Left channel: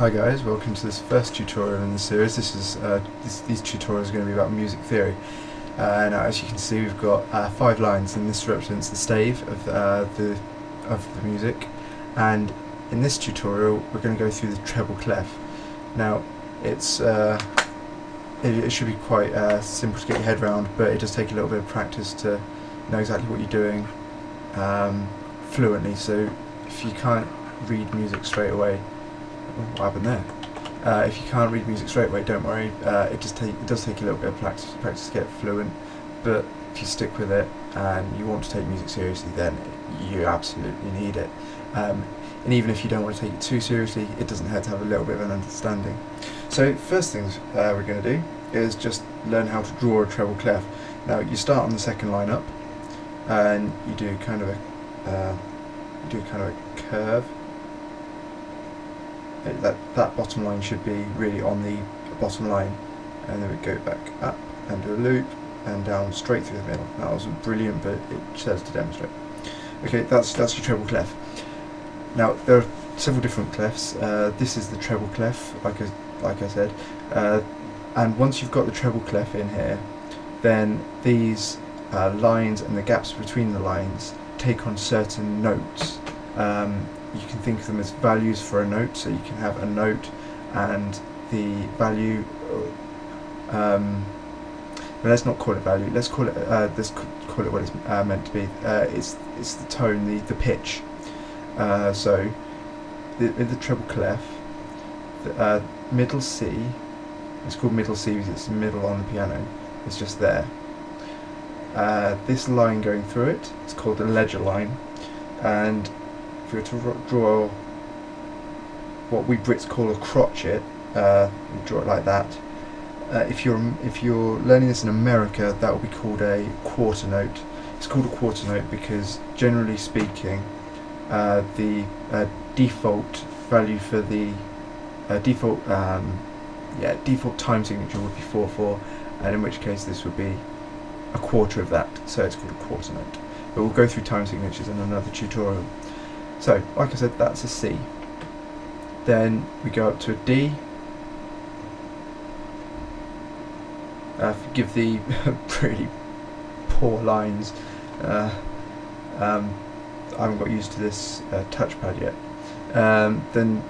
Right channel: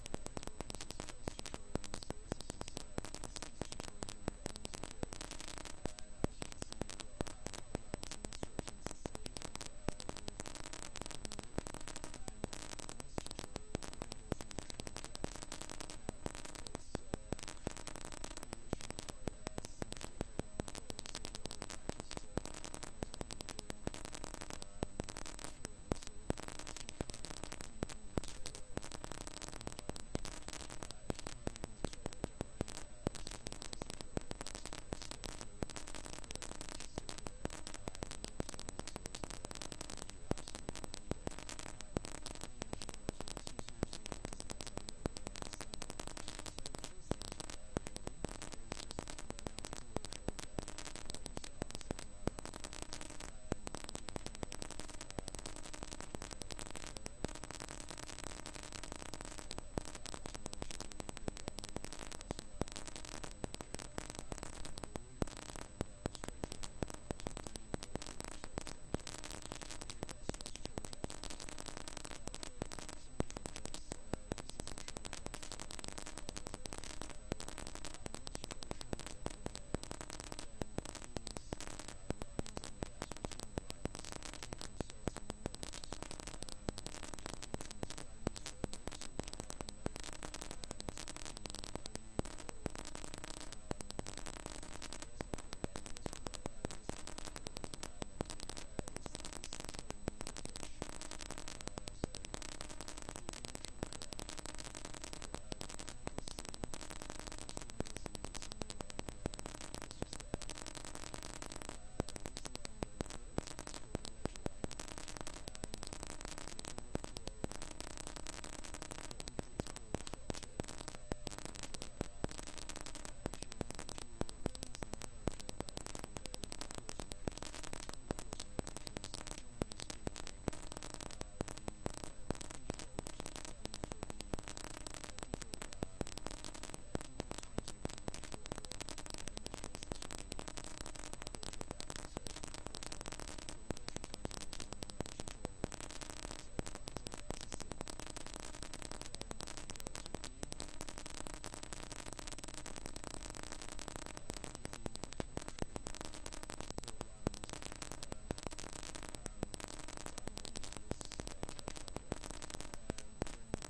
Hi guys, welcome to this first tutorial in the series. These tutorials are going to be about music theory. Now, as you can see, we've got 5 lines, and this represents the stave of the music. And in this tutorial, we're going to go through the treble clef. Now, it should be quite simple to get your head around, but it does take a little bit of practice to know exactly what you're doing fluently. So, if you can't read music straight away, what happened there? If you can't read music straight away, don't worry. It does take a little bit of practice to get fluent, but if you stick with it and you want to take music seriously, then you absolutely need it. And even if you don't want to take it too seriously, it doesn't hurt to have a little bit of an understanding. So first things we're going to do is just learn how to draw a treble clef. Now you start on the second line up, and you do kind of a curve. That bottom line should be really on the bottom line, and then we go back up and do a loop and down straight through the middle. That wasn't brilliant, but it serves to demonstrate. Okay, that's your treble clef. Now there are several different clefs. This is the treble clef, like I said, and once you've got the treble clef in here, then these lines and the gaps between the lines take on certain notes. You can think of them as values for a note, so you can have a note and the value, but let's not call it value, let's call it what it's meant to be. It's the tone, the pitch. So in the treble clef, the middle C, it's called middle C because it's the middle on the piano, it's just there. This line going through it, it's called a ledger line, and if we were to draw what we Brits call a crotchet, we draw it like that. If you're learning this in America, that will be called a quarter note. It's called a quarter note because, generally speaking, the default value for the default time signature would be 4/4, and in which case this would be a quarter of that. So it's called a quarter note. But we'll go through time signatures in another tutorial. So, like I said, that's a C. Then we go up to a D. Forgive the pretty poor lines. I haven't got used to this touchpad yet. Then,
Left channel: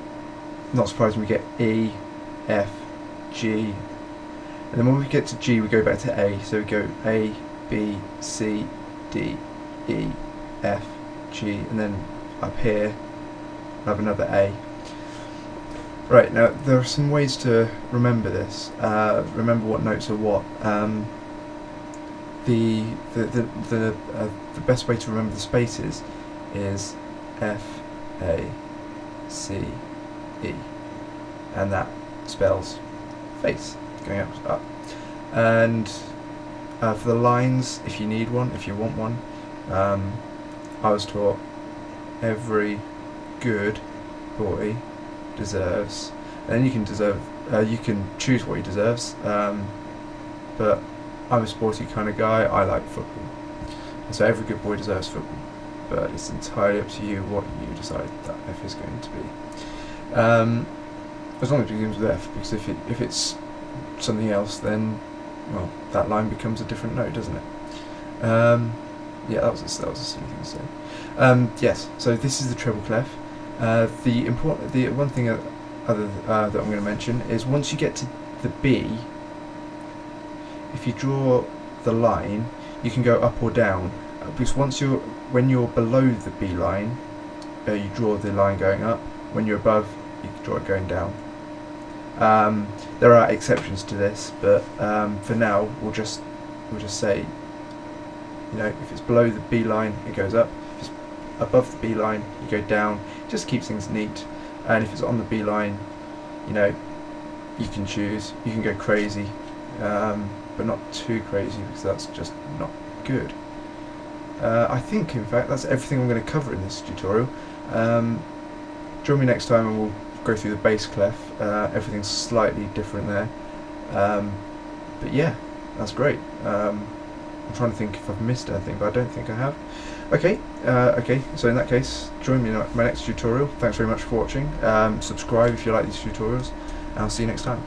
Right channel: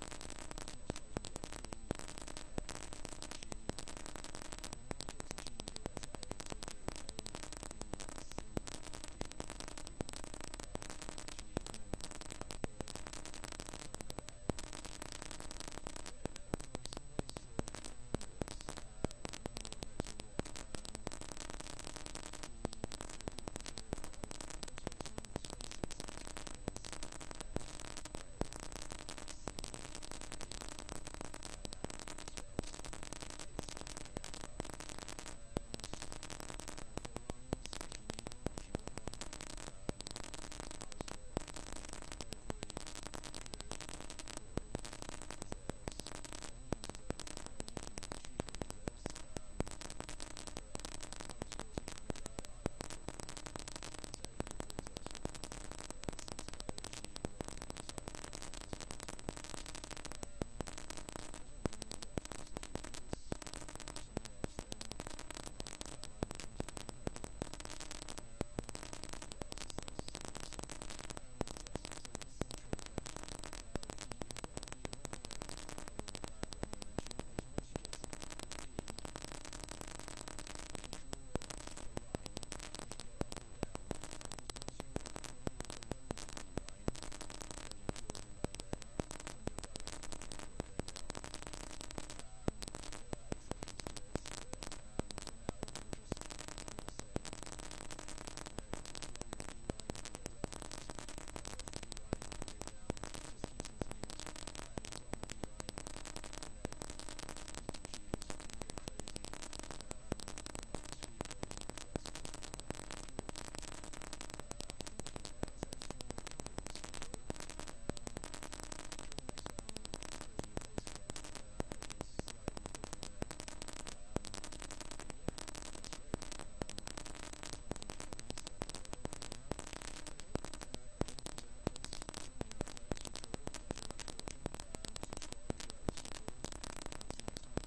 not surprising, we get E, F, G. And then when we get to G, we go back to A. So we go A, B, C, D, E, F, G, and then up here I have another A. Right, now there are some ways to remember this. Remember what notes are what. The best way to remember the spaces is F, A, C, E, and that spells face, going up. And for the lines, if you need one, if you want one, I was taught every good boy deserves, and you can choose what he deserves, but I'm a sporty kind of guy. I like football, and so every good boy deserves football, but it's entirely up to you what you decide that F is going to be, as long as it begins with F, because if it's something else, then, well, that line becomes a different note, doesn't it? Yeah, that was a silly thing to say. Yes, so this is the treble clef. The one thing that I'm going to mention is, once you get to the B, if you draw the line, you can go up or down. Because when you're below the B line, you draw the line going up. When you're above, you can draw it going down. There are exceptions to this, but for now, we'll just say, if it's below the B line, it goes up. If it's above the B line, you go down. It just keeps things neat. And if it's on the B line, you can choose. You can go crazy, but not too crazy, because that's just not good. I think, in fact, that's everything I'm going to cover in this tutorial. Join me next time and we'll go through the bass clef. Everything's slightly different there. But yeah, that's great. I'm trying to think if I've missed anything, but I don't think I have. Okay, okay, so in that case, join me in my next tutorial. Thanks very much for watching. Subscribe if you like these tutorials, and I'll see you next time.